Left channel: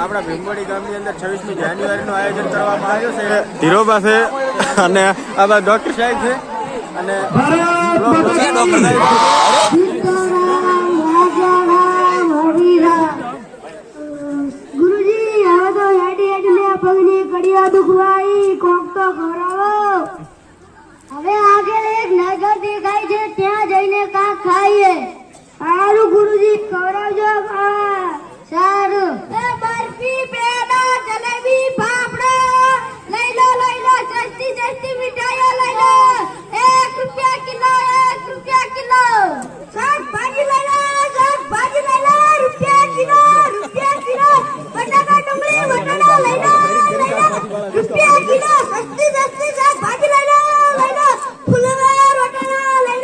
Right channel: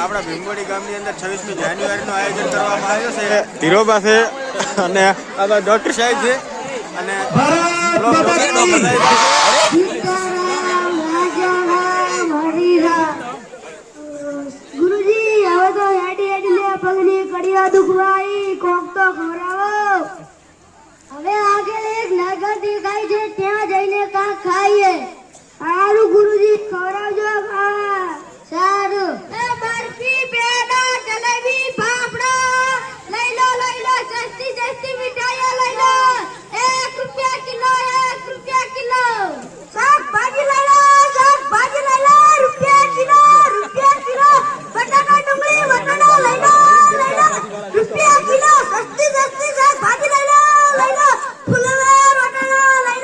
આપણા ભીમવડી ગામની અંદર 26મી જાન્યુઆરીનું આયોજન કરવામાં આવ્યું છે ધીરોબા છે અને આ ડોક્ટર સાહેબ છે અને બ્લોગ જોતા તો બધા ગુરુજી હવે તો હેડી હેડી પગની કડિયા દુખવાઈ કોક તો ખવડાવો હવે આગળ એક નગર દેખાય છે ત્યાં જઈને કાંક ખાઈએ સારું ગુરુજી ખવડાવજો સારું એ બરફી પેડા જલેબી ફાફડો લઈ લો સસ્તી સસ્તી મીઠાઈઓ લઈ લો ₹1 કિલો ₹1 કિલો શાકભાજી લઈ લો ₹1 કિલો બટાકા ડુંગળી વટાણા લઈ લો ₹1 કિલો સસ્તી શાકભાજી લઈ લો ફુલવાર વટાણા લઈ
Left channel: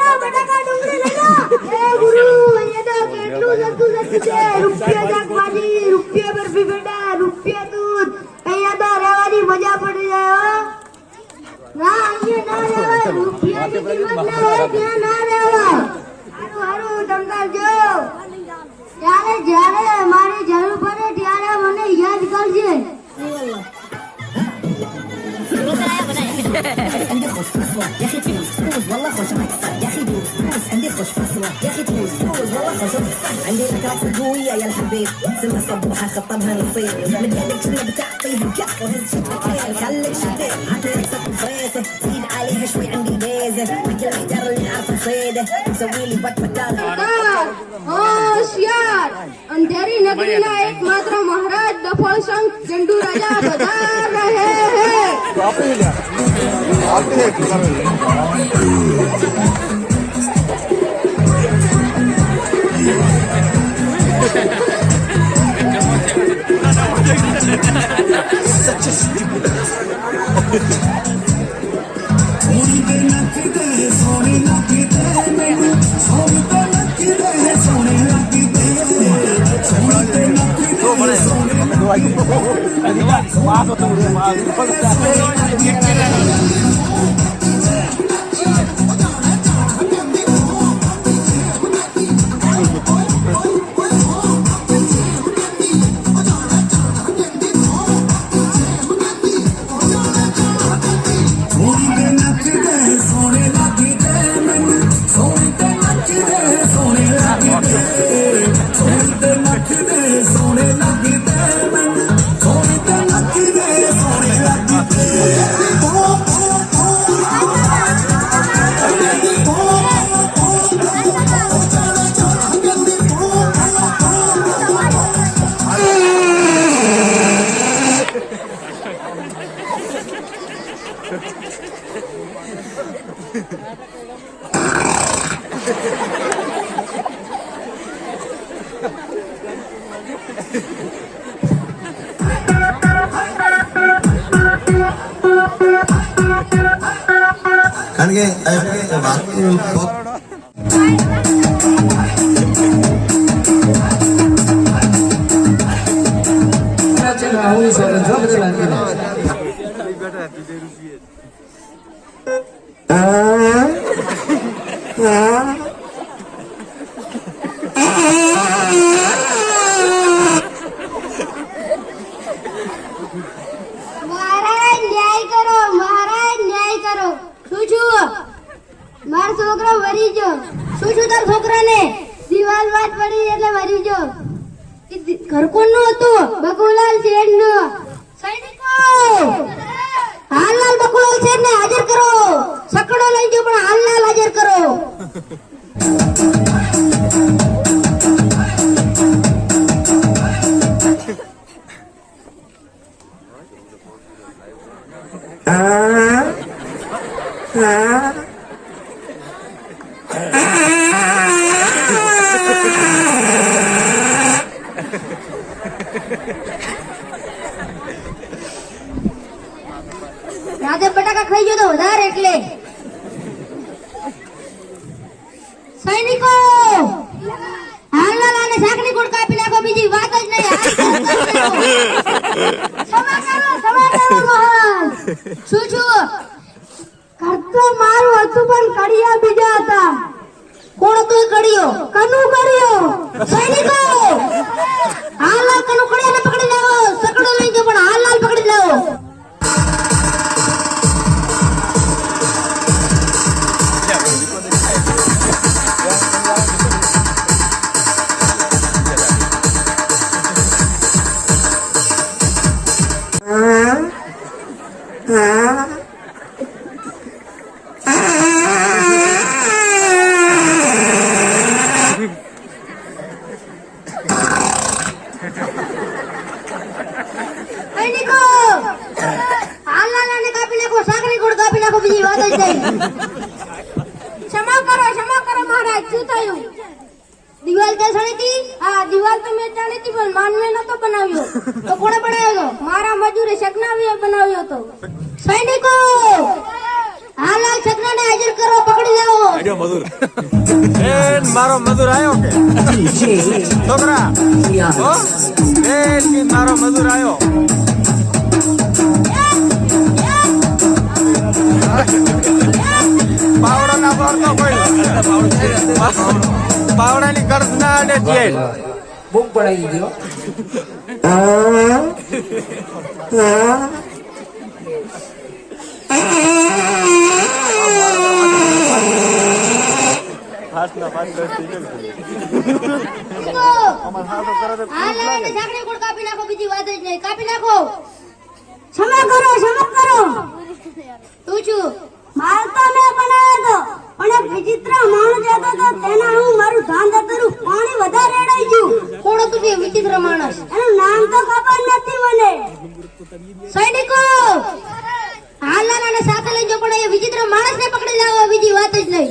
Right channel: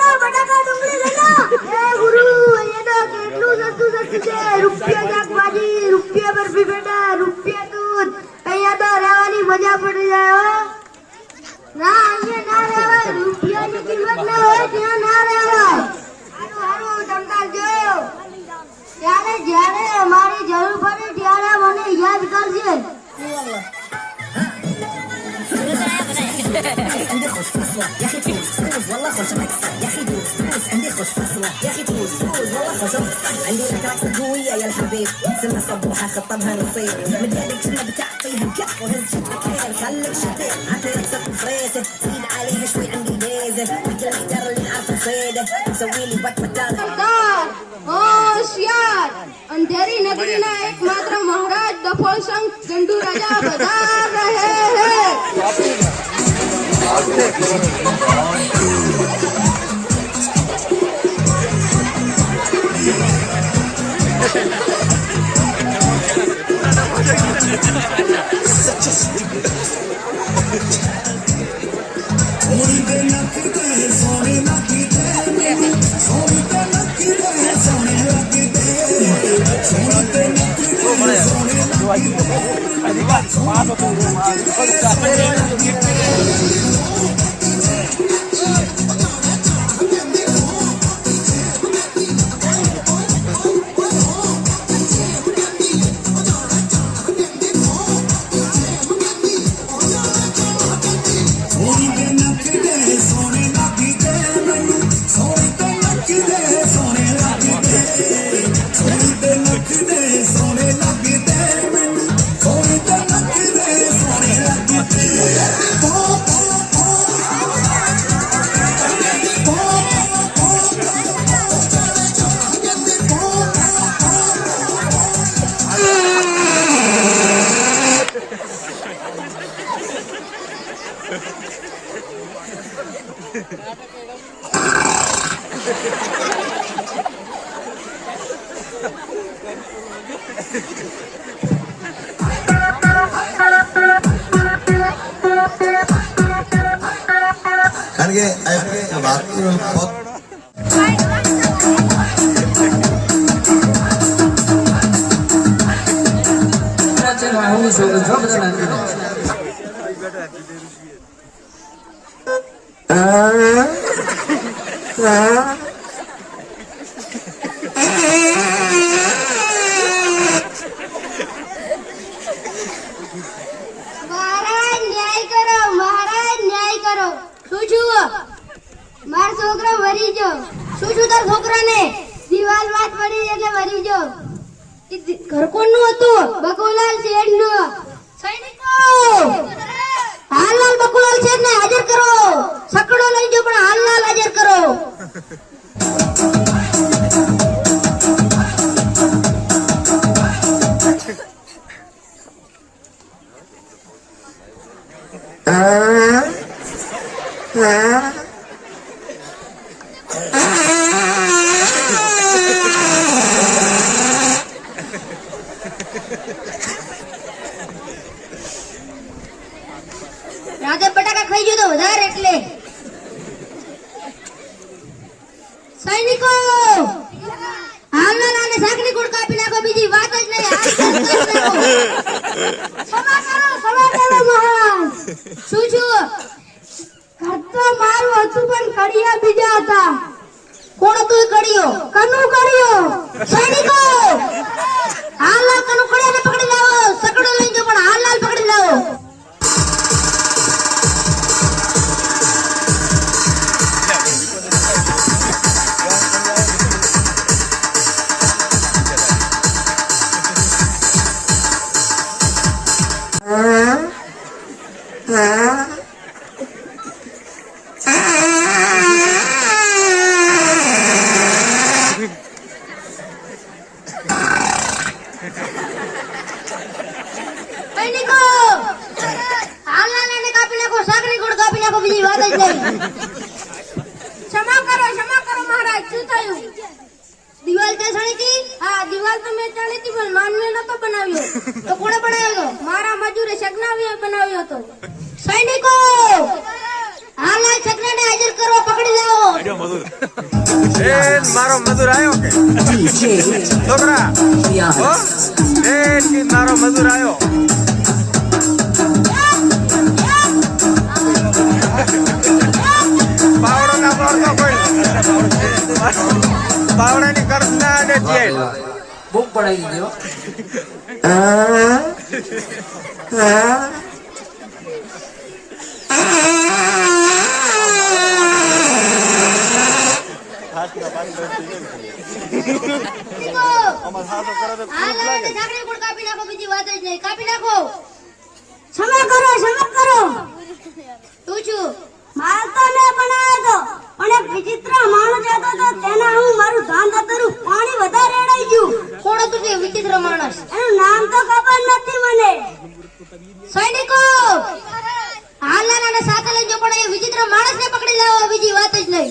લો બટાકા ડુંગળી લઈ લો એ ગુરુ અહીંયા તો કેટલું સસ્તું છે ₹1 શાકભાજી ₹1 બરફી પેડા ₹1 દૂધ અહીંયા તો રહેવાની મજા પડી જાય ના અહીંયા ના રહેવાય રૂપિયાની કિંમત ના હોય ત્યાં ના રહેવાય હારું ધમકાવજો જ્યારે મારી જરૂર પડે ત્યારે મને યાદ કરજે عندي خوش فصلة يا اخي تفوز والله خوش مكسر يا اخي دوز عندي خوش فصلة يا اخي تفوز والله خوش مكسر عندي الاكلات القوية يا الحبيب سنة صبوحة خطبها نصيب مديالك شنة بتعطيه الكف هزت الخيل خليك شتيت عطلك صف فريسة زيد عليها شوي عندي بيزة مثل الحجر اللي عارفة صيدة مسوي لي بطل હોશિયાર અંધેરી નગરીના એકમાત્ર મહારાજ દફળ સંઘ ઝંડુ રાજા બજાર રહે કારણ કે વાક્ય મારો છોકરો વરી ગયો શું તાર છોકરાને દિવાલ વાત પડી એટલે વરી ગયો ઘર કોણનું હતું બકુલાલ શેઠનું સૈનિકો હાલલાલ બકુલાલ શેઠને હાજર કરો સકડો લઈ ગયો પણ હાલલાલ હાજર કરો રાતે બટાકા ખાઈ ગયો તો વધારે એટલે સૈનિકો હાલના લાને શાકની ગોળ કાપી નાખો બીજી વાત જ નહીં સમાચારો મહારાજ શું કરતો મારું હતું પણ કડિયા બીજા હતા કોણ હતું કડિયો કનુ કડિયો સૈનિકો હાલના કનુ કડિયાને પકડી સૈનિકો હાલાને કાપી નાખો, સાકરી ગોળ કાપી નાખો, બીજી વાત જ નહીં. ક્ષમા કરો મહારાજ, શું થયું? દિવાલ તે સળગી? હા, દિવાલ તો મેં ચાલી હતી, પણ માનવે નતો બનાવ્યો. તો કોણે બનાવ્યો? મારા મજૂરે સગનાવીએ બનાવ્યો હતો. સૈનિકો હાલા સગનાને હાજર કરો, પકડી લાવો. એ મારો મજૂર આવ્યો કે છોકરા? હો એ મારો મજૂર આવ્યો. પાવડો ના પડતો કોઈ પાવડાની કર્જ ના આડે જાય. બુક પડાવી દીધી હો. હાથના પાંચ 10 સીઝન અમાર હાથો કરે તો ખૂબ લાગે. સાકરી ગોળ કાપી નાખો, બીજી વાત જ નહીં. કાપી નાખો. ક્ષમા કરો. તું છું મારતો ને બનાવ્યો તો, પણ એક વિચિત્ર માણસ હતો તો તેને હું મારું ધાન દતરું પાણી વધારે રેડાઈ ગયું. કોણ હતું તે વિચિત્ર માણસ? એનું નામ તો ખબર નથી મને. સૈનિકો હાલાને સાથે લઈ જો, પણ એ વિચિત્ર માણસને પકડી લાવો, બીજી વાત જ નહીં.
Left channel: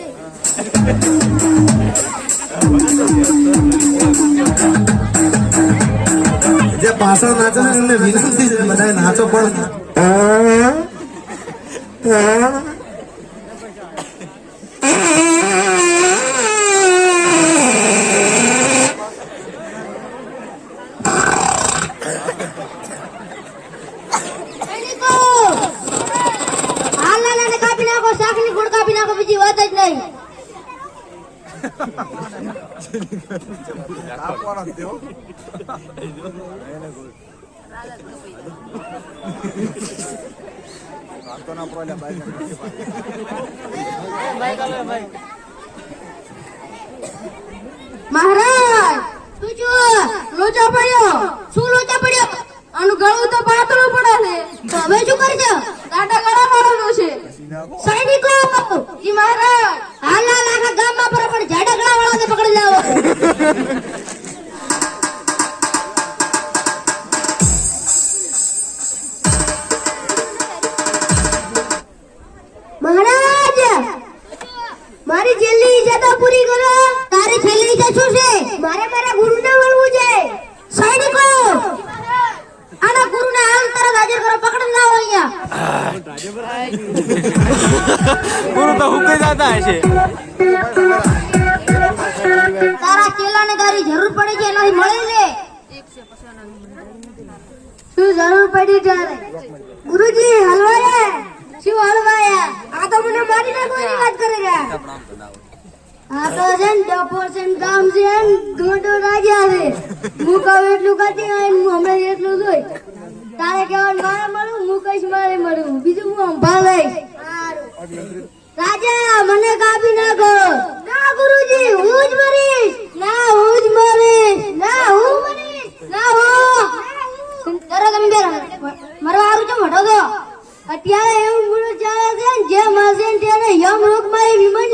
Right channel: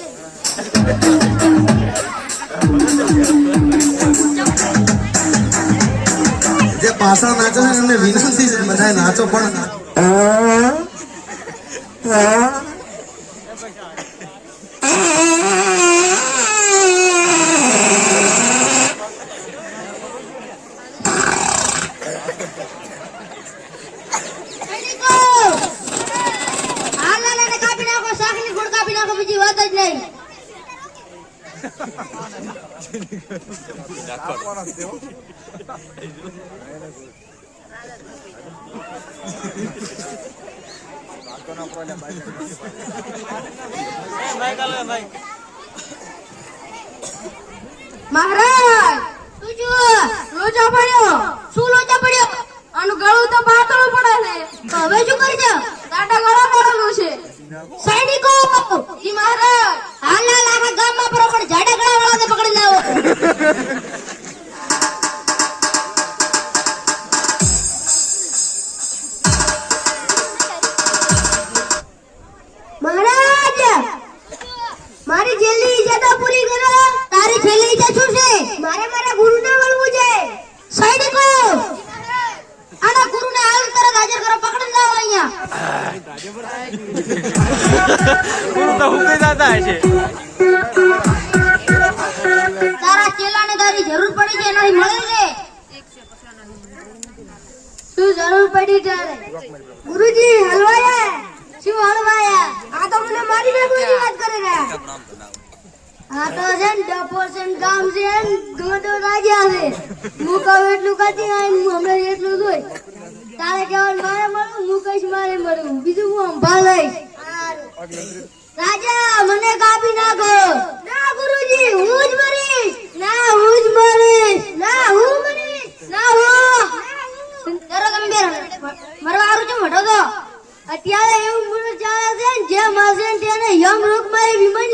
જે પાછળ નાચો ને એમને વિનંતી છે બધા નાચો પણ સૈનિકો હાલાને કાપી નાખો, સાકની ગોળ કાપી નાખો, બીજી વાત જ નહીં. મહારાજ શું લોચો પડ્યો? શું લોચો પડ્યો? આનું ગળું તો પાતળું પડે છે. તો હવે શું કરજો? કાંટા ગળા મારવાનું છે. સૈનિકો ઈ મહારાજ હાલા આખા ગામમાં પર પણ જાડા ગળા વાળાને પકડી લાવો. મહારાજ મારી છેલ્લી ઈચ્છા તો પૂરી કરો. તારી છેલ્લી ઈચ્છા શું છે? મારે મારા ગુરુને મળવું છે. સૈનિકો આના ગુરુને હાલ તરત હાજર કરો, પકડી લાવો અહીંયા. ગુરુ તો હુકે જાતા હશે. તારા ચેલાને તારી જરૂર પડી છે, એનાથી મળી લે. શું જરૂર પડી ત્યારે? ગુરુજી હલવાયા. શું હલવાયા? આ તો મને મારી નાખવાની વાત કરે છે. આ તો છે ને ડફો છે ને કામ છે ને ધોધો રાજા છે. હું કહું એટલું કરતી અમે એટલું જોઈ. તારે કહેવાનું મારે મળું, હું કહીશ મારે મળું, બીજું હું સંભાળ લઈશ. રાજા મને કાપી નાખો. ના ગુરુજી હું જ મરીશ. ના હું જ મરીશ. ના હું મરીશ. ના હું તરત અંબે મરવા હારું છે મોટો તો. અત્યારે એવું મુરત ચાલે છે ને, જે મારશે ને તેને યમલોકમાં વિમાન